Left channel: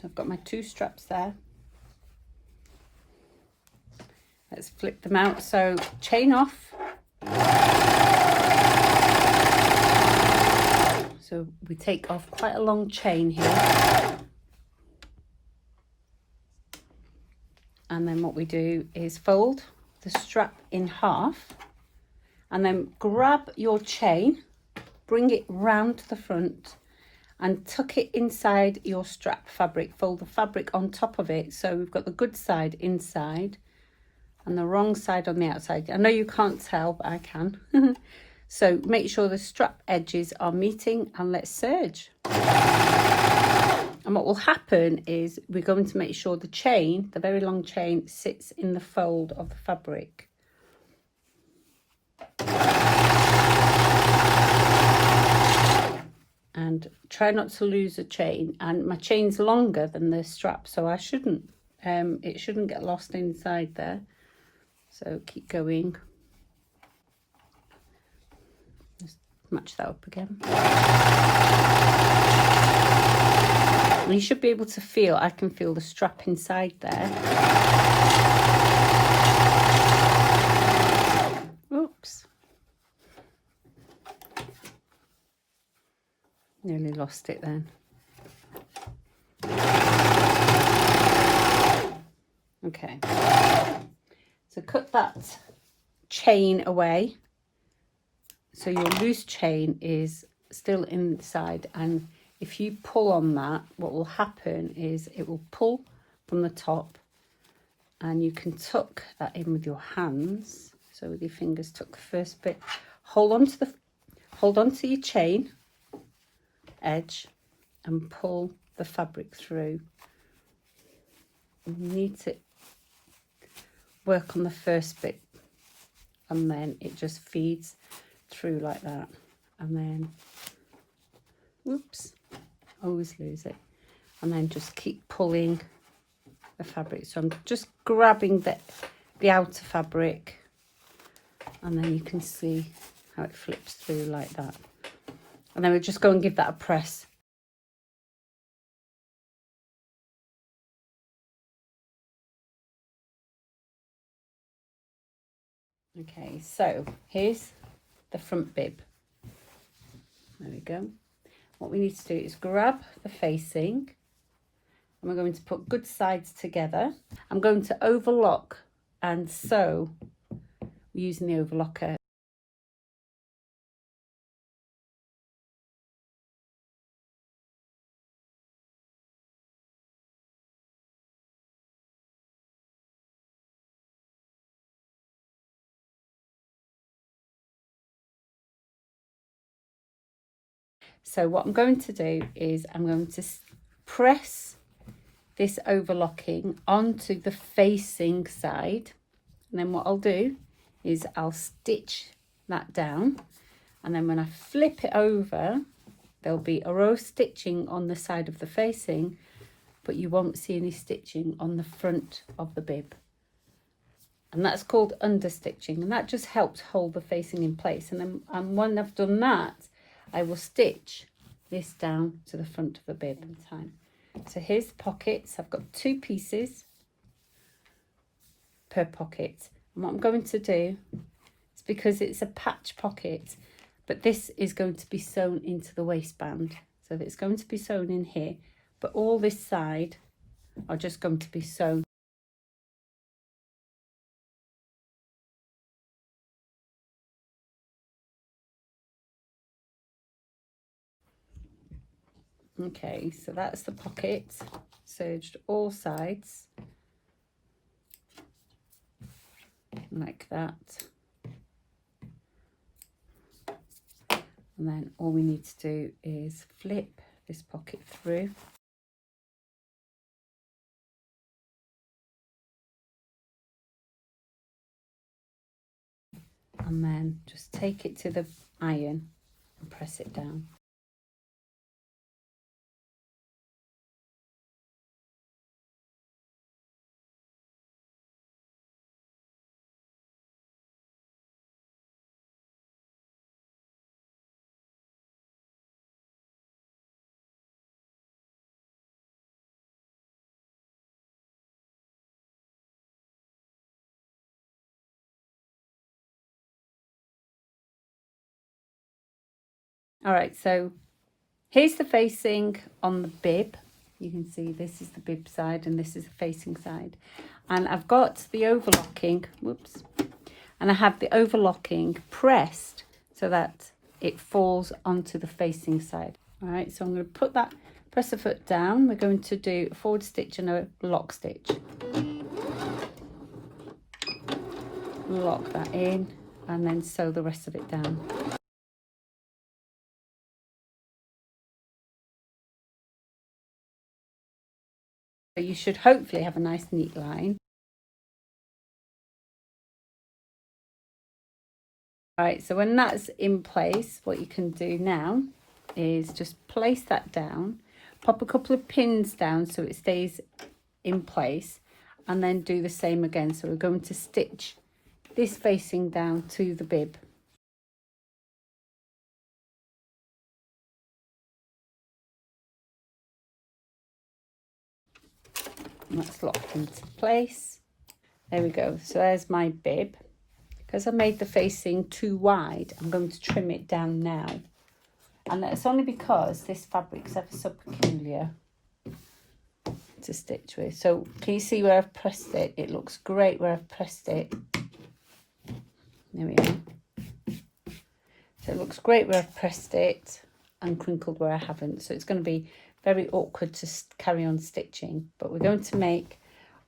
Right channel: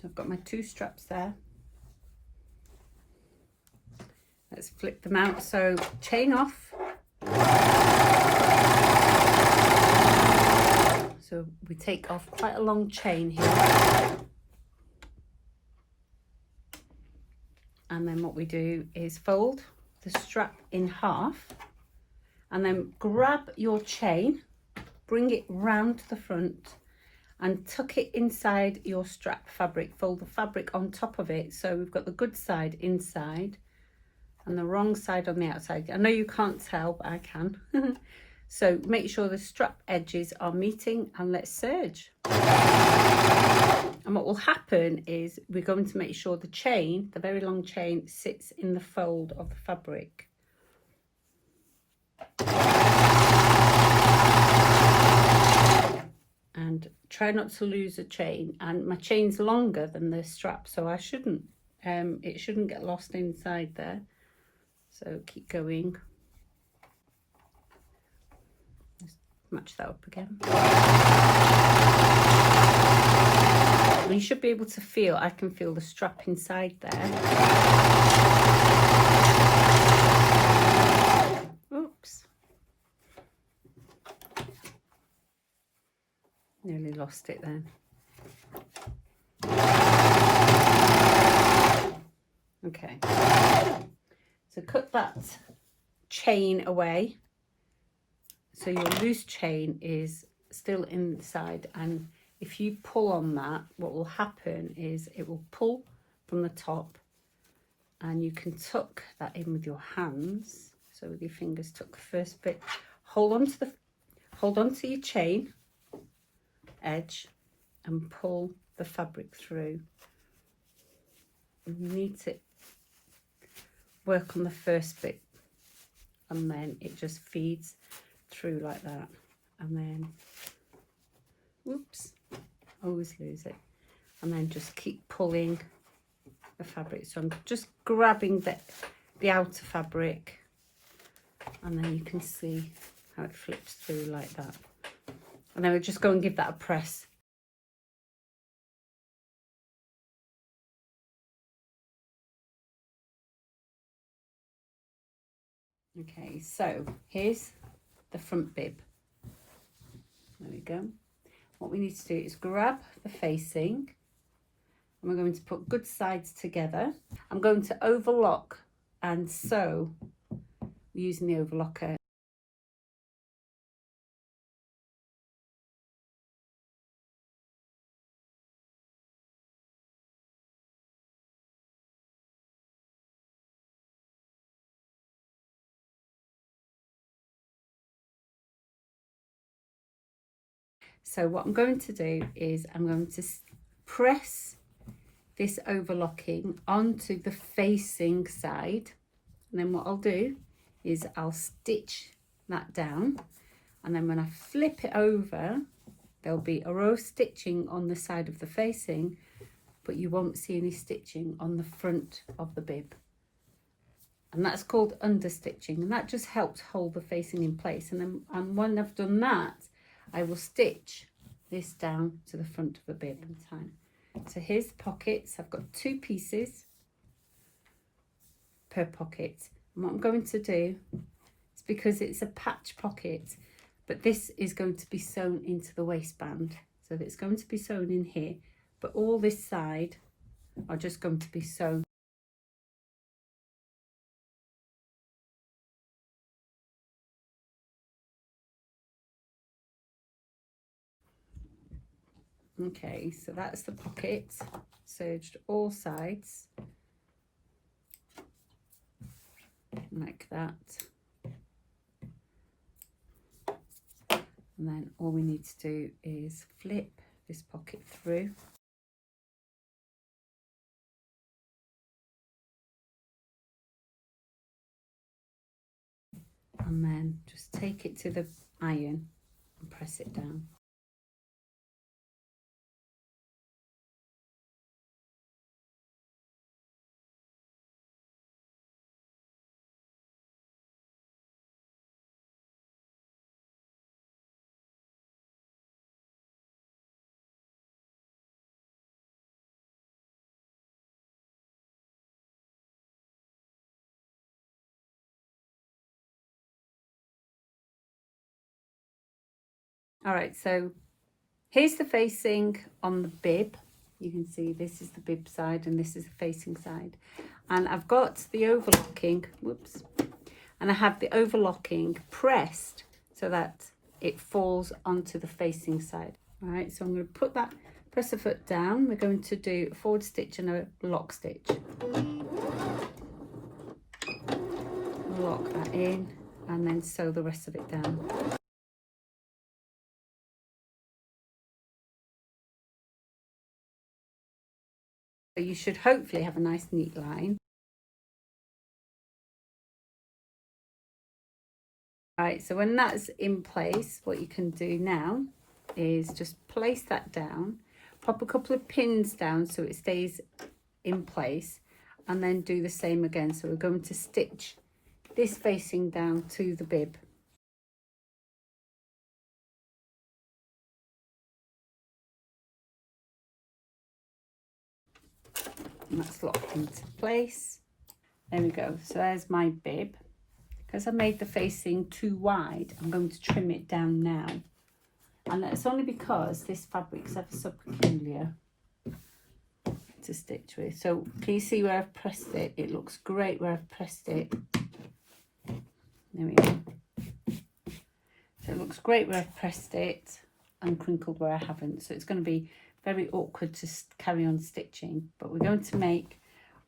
So I've got my 2 straps there. Let's flip them out. So chain off. So we take off quite a long chain here. And then what we do is fold the strap in half and then grab your chain, bring it round the front and tuck it inside your strap fabric. Fold the fabric on top of it. So we've got the good side inside and the wrong side on the outside. I know you can't tell, but I can. So make sure the strap edges are meeting and let's serge. And what will happen is we're going to make sure the chain, the very long chain, sits in the fold of the fabric. And try not to lose a chain. And my chain's longer than the strap, so I shouldn't, it shouldn't get lost inside there. So keep going. Just match that up again. And you should be able to feel, I can feel the strap inside there. Oops. Nearly lost it then. Okay. So cut that chain away. So your loose chain is still inside, and if you pull on that, what will happen is it will pull from the top and you can tuck that in with your hands. So with your fingers, tuck the first bit, hold on to your chain edge and pull the fabric through. You need to work on the first bit and then it just feeds through like that. And then, whoops, always lose it. And then just keep pulling the fabric. So I'm just grabbing the outer fabric and then you can see how it flips through like that. And then we'll just go and give that a press. Okay, so here's the front bib. There we go. What we need to do is grab the facing and we're going to put good sides together. I'm going to overlock and sew using the overlocker. So what I'm going to do is I'm going to press this overlocking onto the facing side, and then what I'll do is I'll stitch that down, and then when I flip it over there'll be a row of stitching on the side of the facing, but you won't see any stitching on the front of the bib, and that's called understitching, and that just helps hold the facing in place. And then when I've done that, I will stitch this down to the front of the bib in time. So here's the pockets. I've got 2 pieces per pocket. And what I'm going to do is, because it's a patch pocket, but this is going to be sewn into the waistband. So it's going to be sewn in here, but all this side are just going to be sewn. Okay, so that's the pocket, serged all sides, like that. And then all we need to do is flip this pocket through. And then just take it to the iron and press it down. All right, so here's the facing on the bib. You can see this is the bib side and this is the facing side. And I've got the overlocking, whoops, and I have the overlocking pressed so that it falls onto the facing side. All right, so I'm going to put that, press the foot down. We're going to do a forward stitch and a lock stitch. Lock that in and then sew the rest of it down. So you should hopefully have a nice neat line. Right, so when that's in place, what you can do now is just place that down, pop a couple of pins down so it stays in place, and then do the same again. So we're going to stitch this facing down to the bib. And that's locked into place. There we go. So there's my bib. Because I made the facing too wide, I'm going to trim it down now. And that's only because this fabric's ever so peculiar to stitch with. So can you see where I've pressed it? It looks great where I've pressed it. There we go. So it looks great where I've pressed it and crinkled where I haven't. So it's going to be very awkward to carry on stitching. But we're going to make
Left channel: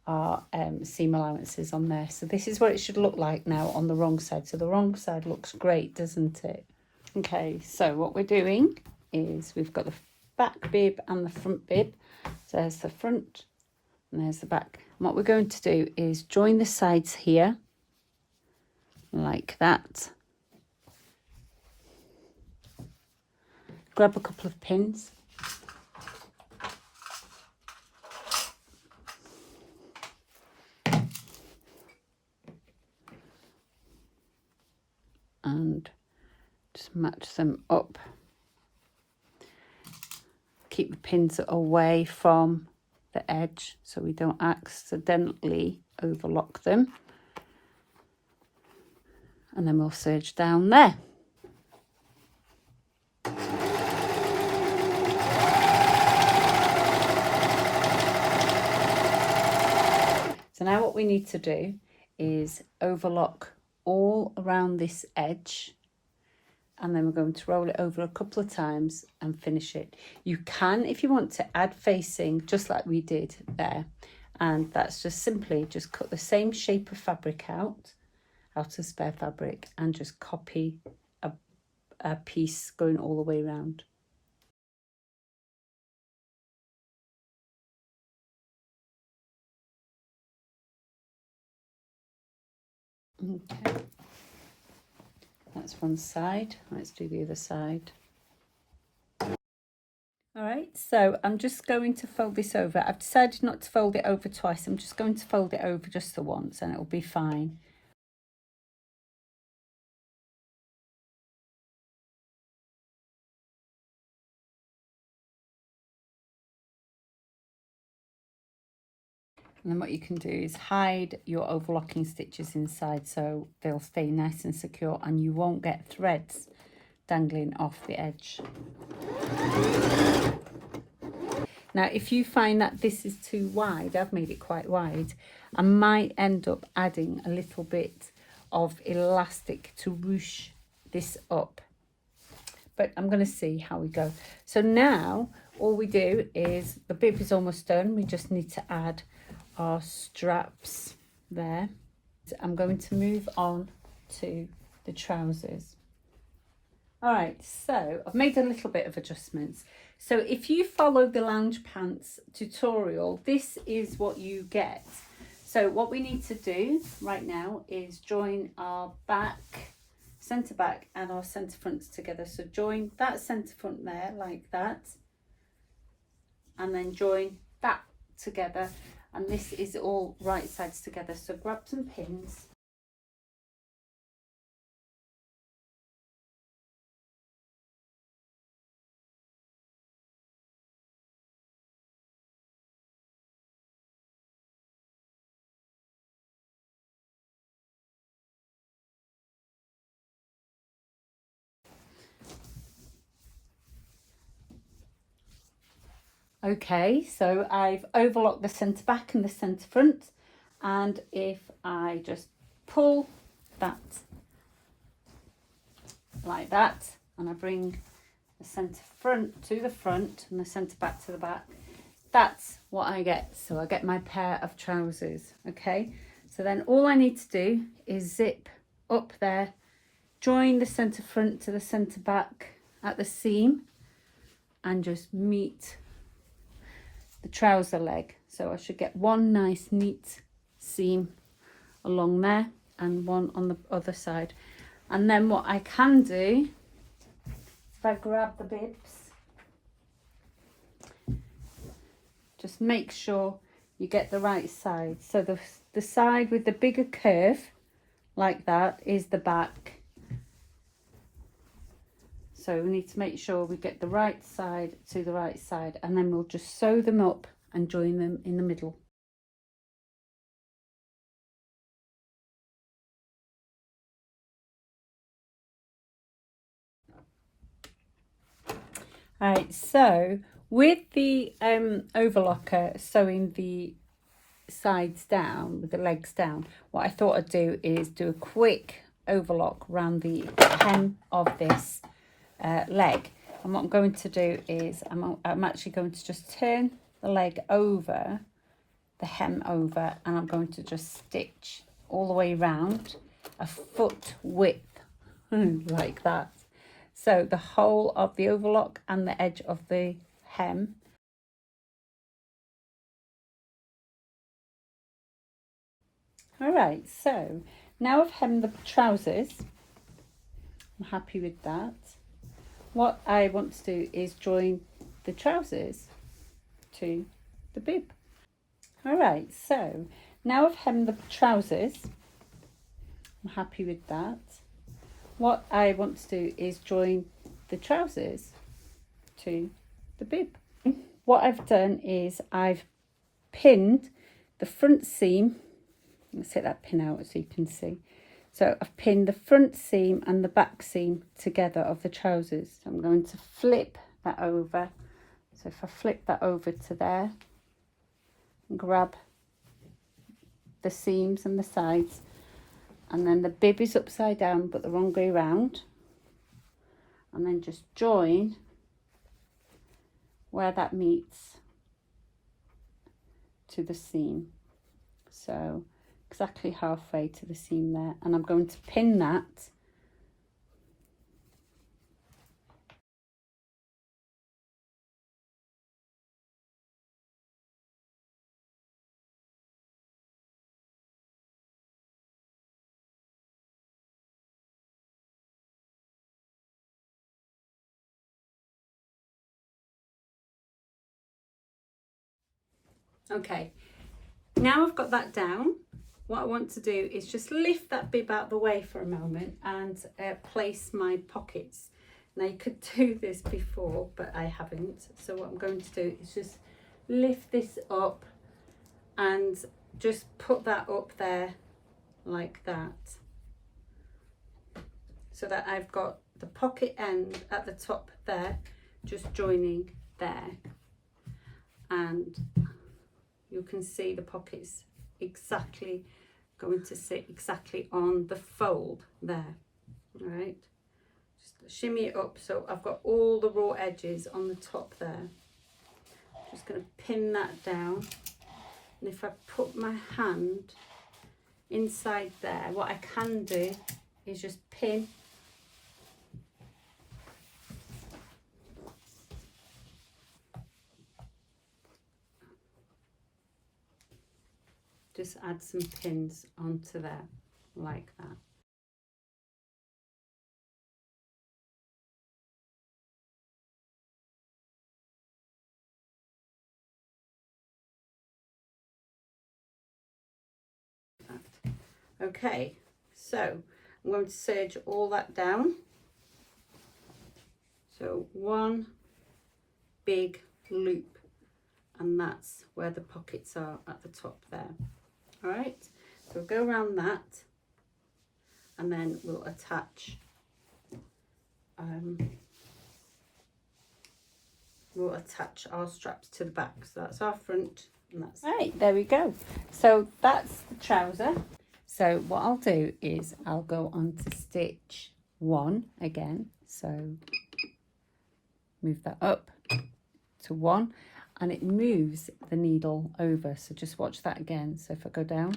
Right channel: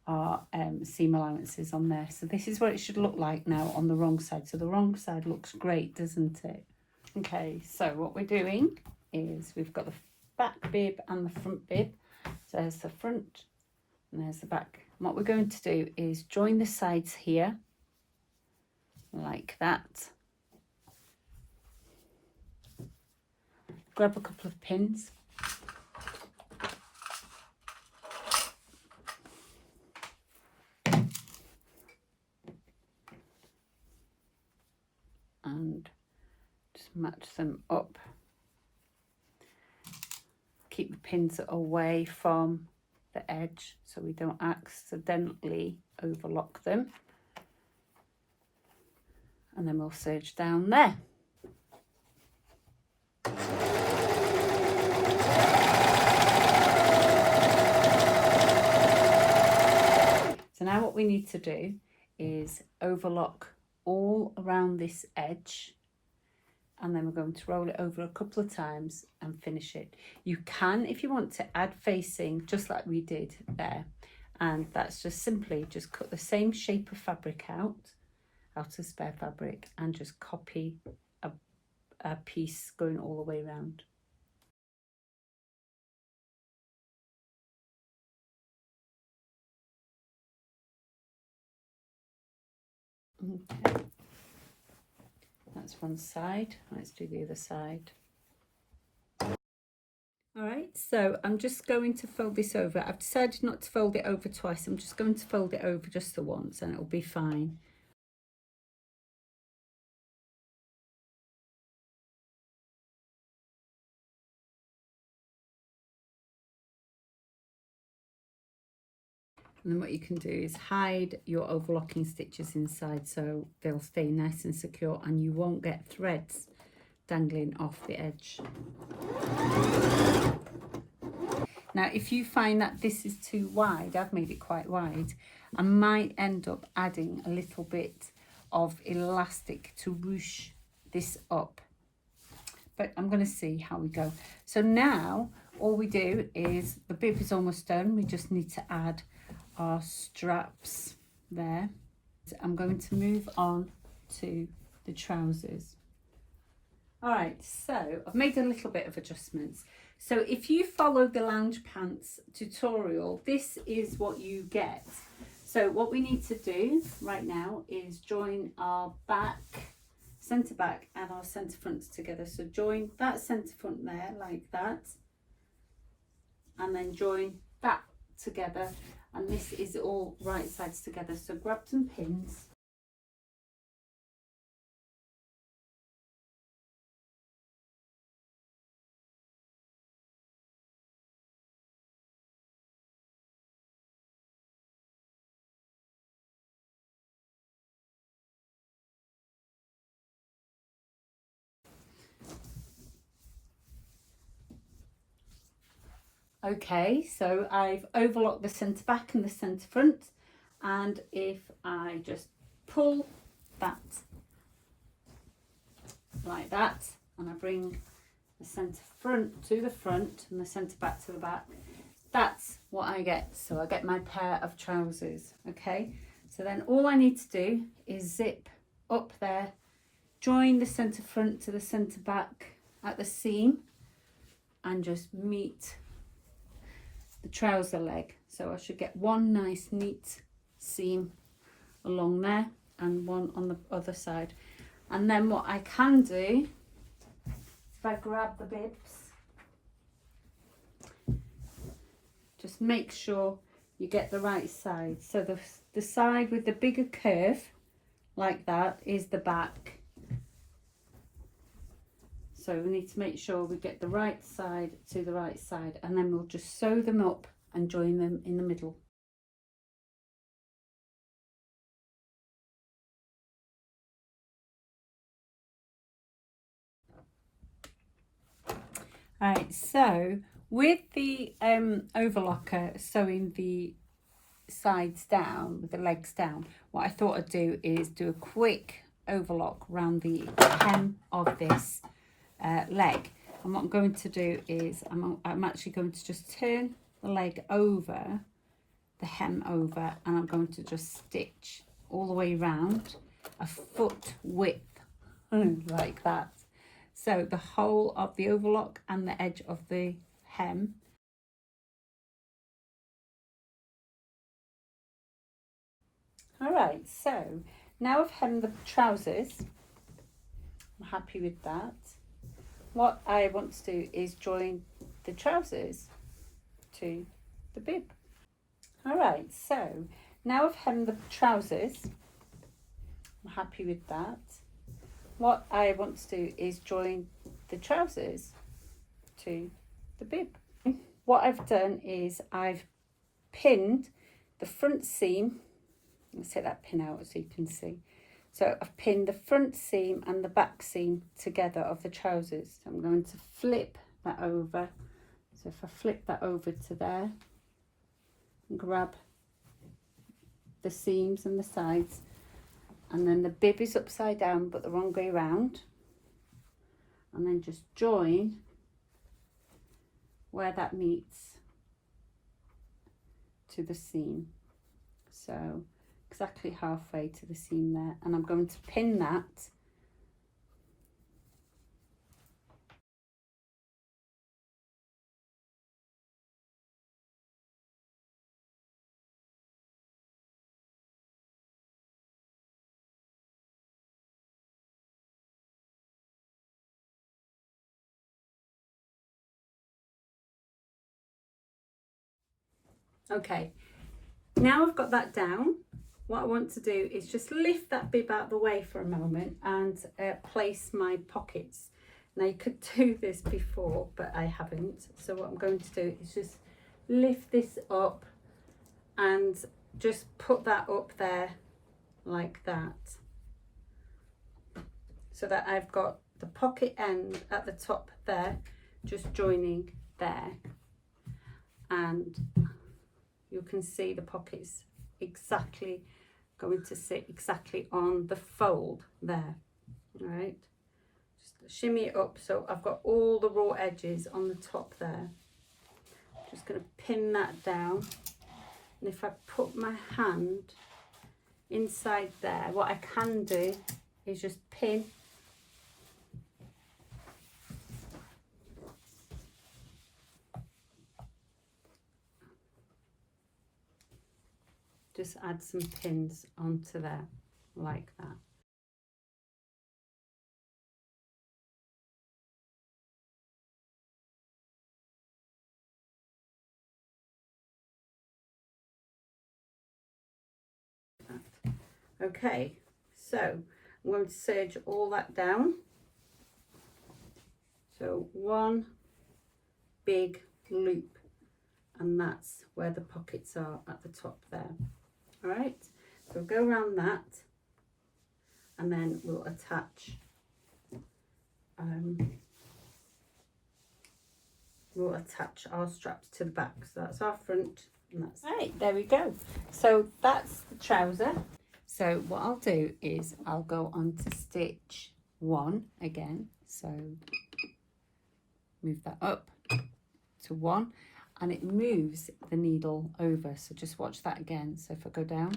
our seam allowances on there. So this is what it should look like now on the wrong side. So the wrong side looks great, doesn't it? Okay, so what we're doing is we've got the back bib and the front bib. So there's the front and there's the back. And what we're going to do is join the sides here like that. Grab a couple of pins. And just match them up. Keep the pins away from the edge so we don't accidentally overlock them. And then we'll serge down there. So now what we need to do is overlock all around this edge, and then we're going to roll it over a couple of times and finish it. You can, if you want to, add facing just like we did there, and that's just simply just cut the same shape of fabric out of spare fabric and just copy a piece going all the way around. Okay, that's one side. Let's do the other side. All right, so I'm just going to fold this over. I've decided not to fold it over twice. I'm just going to fold it over just the once and it'll be fine. And then what you can do is hide your overlocking stitches inside so they'll stay nice and secure and you won't get threads dangling off the edge. Now, if you find that this is too wide, I've made it quite wide, I might end up adding a little bit of elastic to ruche this up. But I'm going to see how we go. So now all we do is, the bib is almost done. We just need to add our straps there. I'm going to move on to the trousers. All right, so I've made a little bit of adjustments. So if you follow the lounge pants tutorial, this is what you get. So what we need to do right now is join our back, centre back and our centre fronts together. So join that centre front there like that, and then join that together, and this is all right sides together. So grab some pins. Okay, so I've overlocked the centre back and the centre front, and if I just pull that like that, and I bring the centre front to the front and the centre back to the back, that's what I get. So I get my pair of trousers. Okay, so then all I need to do is zip up there, join the centre front to the centre back at the seam, and just meet the trouser leg. So I should get one nice neat seam along there and one on the other side. And then what I can do, if I grab the bibs, just make sure you get the right side. So the side with the bigger curve like that is the back. So we need to make sure we get the right side to the right side, and then we'll just sew them up and join them in the middle. All right, so with the overlocker sewing the sides down, with the legs down, what I thought I'd do is do a quick overlock around the hem of this leg. And what I'm going to do is I'm actually going to just turn the leg over, the hem over, and I'm going to just stitch all the way around a foot width like that. So the whole of the overlock and the edge of the hem. All right, so now I've hemmed the trousers. I'm happy with that. What I want to do is join the trousers to the bib. All right, so now I've hemmed the trousers. I'm happy with that. What I want to do is join the trousers to the bib. What I've done is I've pinned the front seam. Let's take that pin out so you can see. So I've pinned the front seam and the back seam together of the trousers. So I'm going to flip that over. So if I flip that over to there, and grab the seams and the sides, and then the bib is upside down but the wrong way round, and then just join where that meets to the seam. So exactly halfway to the seam there, and I'm going to pin that okay. Now I've got that down, what I want to do is just lift that bib out of the way for a moment and place my pockets. Now you could do this before, but I haven't. So what I'm going to do is just lift this up and just put that up there like that. So that I've got the pocket end at the top there, just joining there. And you can see the pockets exactly going to sit exactly on the fold there. All right, just shimmy it up so I've got all the raw edges on the top there. Just going to pin that down, and if I put my hand inside there, what I can do is just pin just add some pins onto there like that. Okay, so I'm going to serge all that down. So one big loop, and that's where the pockets are at the top there. All right, so we'll go around that, and then we'll attach we'll attach our straps to the back. So that's our front, and that's right, there we go. So that's the trouser. So what I'll do is I'll go on to stitch 1 again. So move that up to 1, and it moves the needle over. So just watch that again. So if I go down,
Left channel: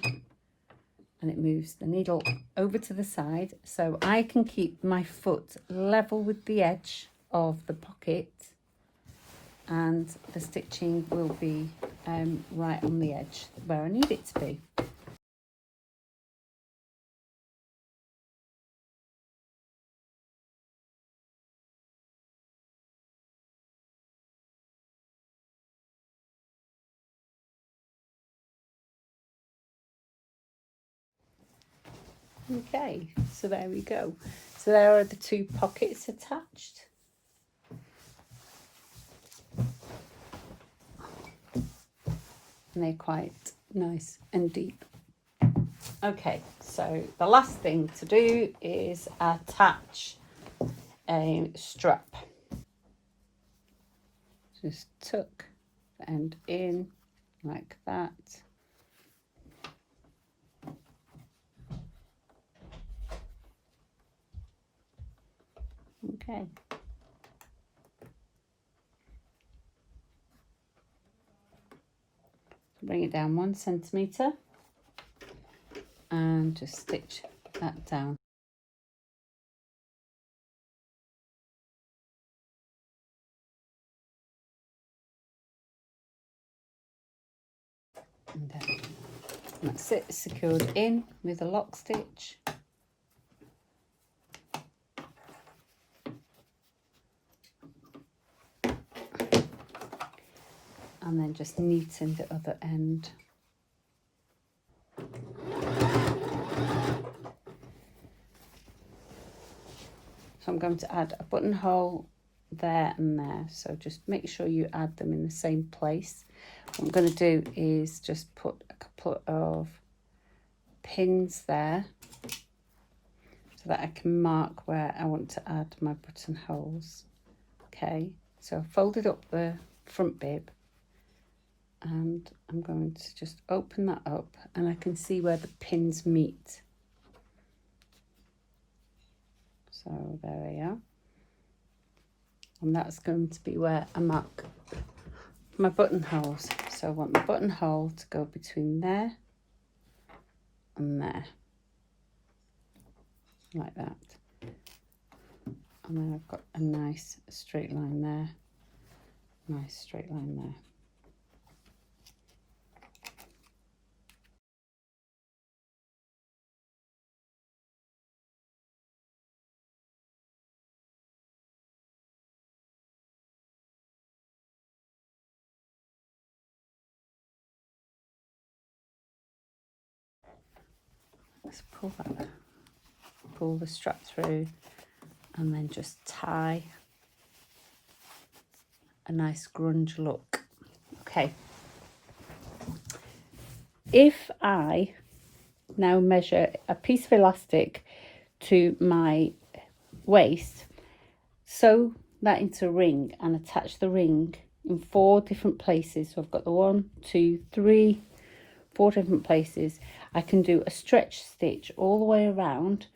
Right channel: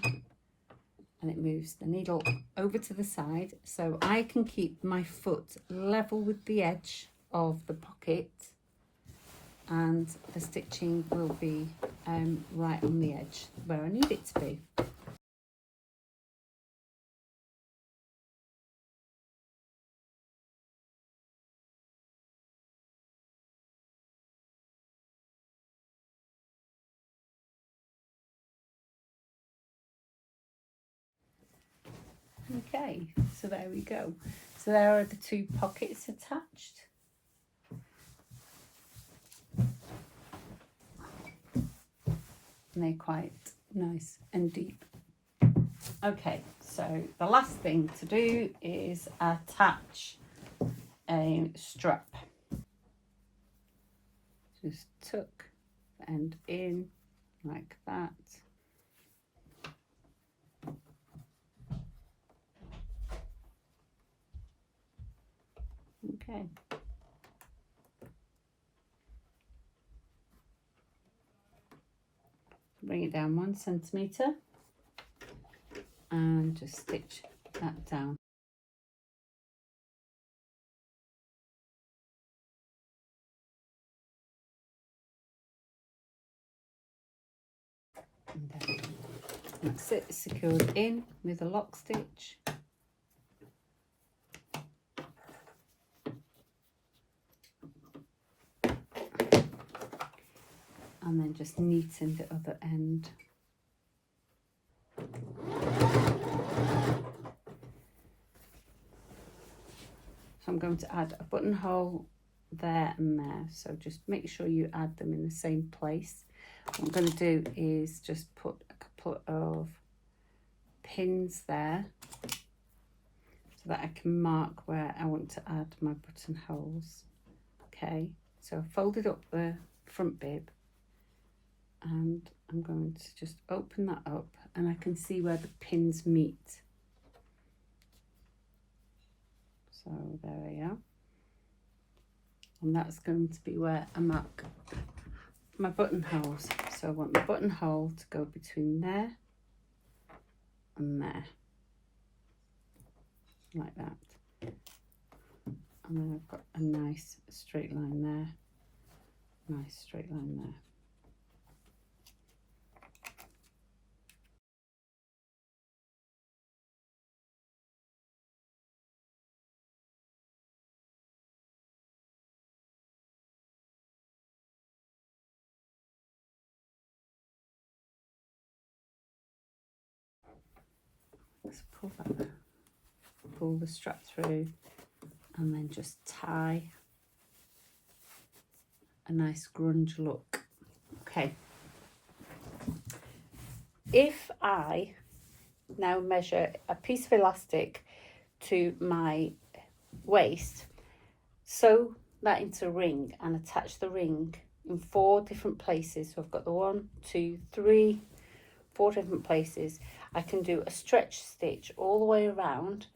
and it moves the needle over to the side, so I can keep my foot level with the edge of the pocket, and the stitching will be right on the edge where I need it to be. Okay, so there we go. So there are the 2 pockets attached. And they're quite nice and deep. Okay, so the last thing to do is attach a strap. Just tuck the end in like that. Okay. Bring it down 1 centimetre and just stitch that down. And then that's it, secured in with a lock stitch. And then just neaten the other end. So I'm going to add a buttonhole there and there. So just make sure you add them in the same place. What I'm going to do is just put a couple of pins there so that I can mark where I want to add my buttonholes. Okay, so I've folded up the front bib, and I'm going to just open that up, and I can see where the pins meet. So there we are. And that's going to be where I mark my buttonholes. So I want the buttonhole to go between there and there, like that. And then I've got a nice straight line there, nice straight line there. Let's pull that there. Pull the strap through, and then just tie a nice grunge look. Okay. If I now measure a piece of elastic to my waist, sew that into a ring and attach the ring in 4 different places. So I've got the 1, 2, 3, 4 different places. I can do a stretch stitch all the way around,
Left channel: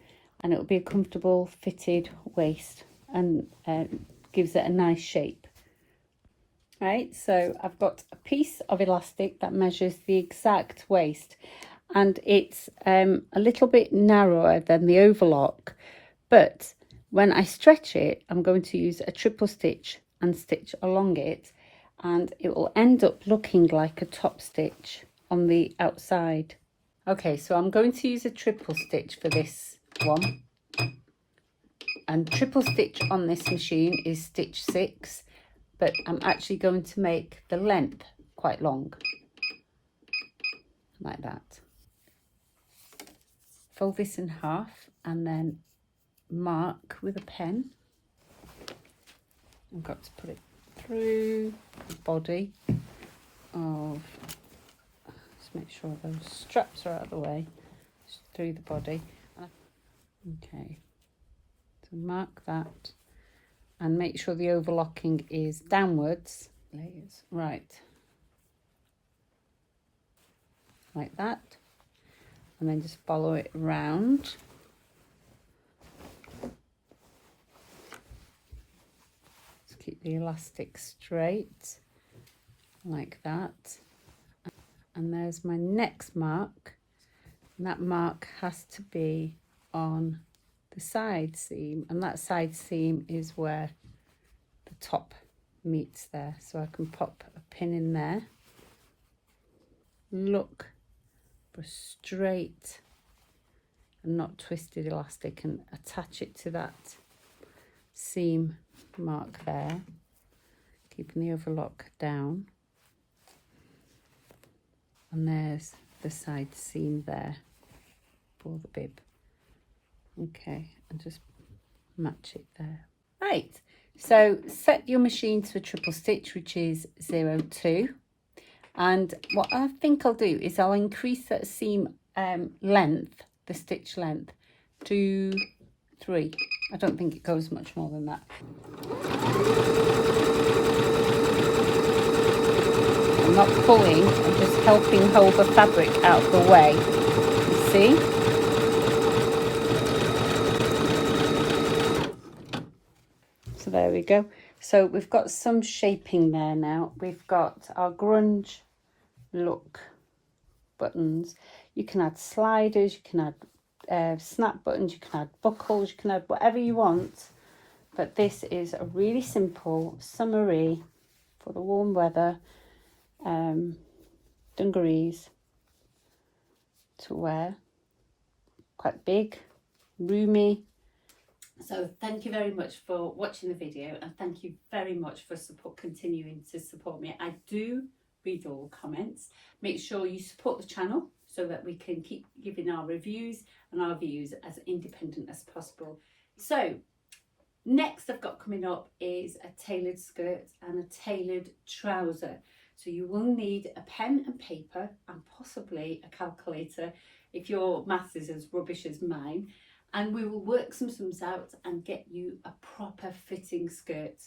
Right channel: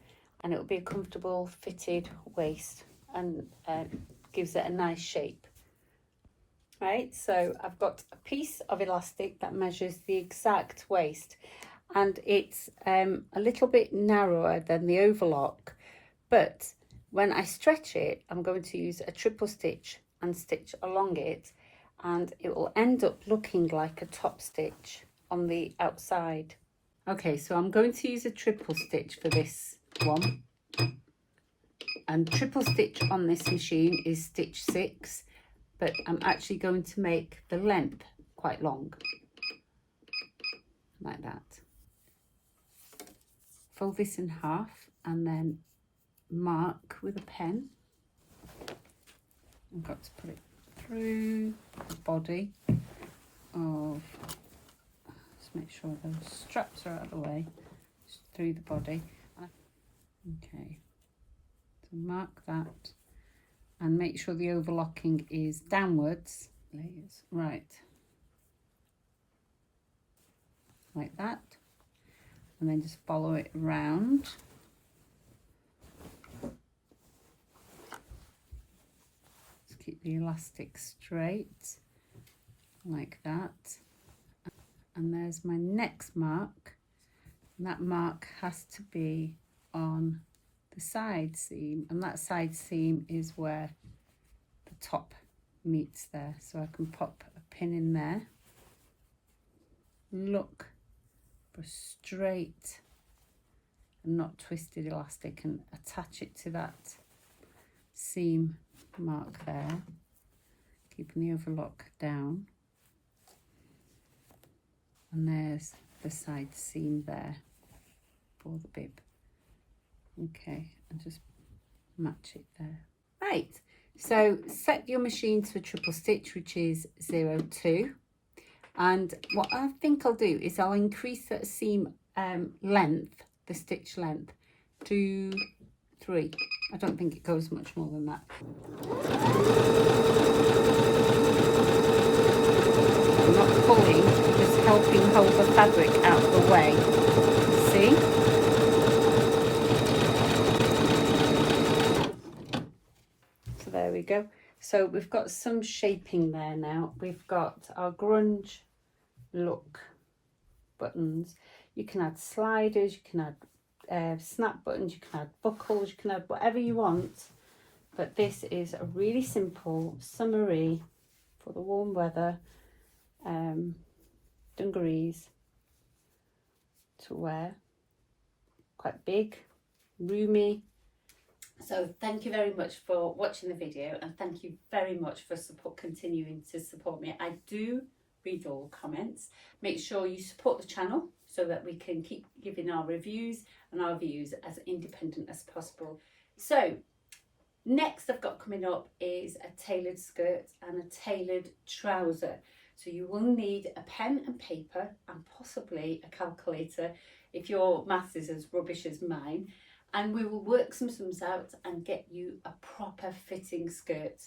and it'll be a comfortable fitted waist, and gives it a nice shape. Right, so I've got a piece of elastic that measures the exact waist, and it's a little bit narrower than the overlock, but when I stretch it, I'm going to use a triple stitch and stitch along it, and it will end up looking like a top stitch on the outside. Okay, so I'm going to use a triple stitch for this one, and triple stitch on this machine is stitch 6, but I'm actually going to make the length quite long, like that. Fold this in half and then mark with a pen. I've got to put it through the body of, let's make sure those straps are out of the way, just through the body. Okay, so mark that and make sure the overlocking is downwards. Layers, right, like that, and then just follow it around. Just keep the elastic straight, like that. And there's my next mark, and that mark has to be on the side seam, and that side seam is where the top meets there. So I can pop a pin in there, look for straight and not twisted elastic, and attach it to that seam mark there, keeping the overlock down. And there's the side seam there for the bib. Okay, and just match it there. Right, so set your machine to a triple stitch, which is 0.2. And what I think I'll do is I'll increase that seam length, the stitch length, to 3. I don't think it goes much more than that. I'm not pulling, I'm just helping hold the fabric out of the way. See? So there we go. So we've got some shaping there now. We've got our grunge look buttons. You can add sliders, you can add snap buttons, you can add buckles, you can add whatever you want. But this is a really simple summery for the warm weather dungarees to wear. Quite big, roomy. So thank you very much for watching the video, and thank you very much for continuing to support me. I do read all comments. Make sure you support the channel so that we can keep giving our reviews and our views as independent as possible. So next I've got coming up is a tailored skirt and a tailored trouser. So you will need a pen and paper and possibly a calculator if your maths is as rubbish as mine. And we will work some sums out and get you a proper fitting skirt.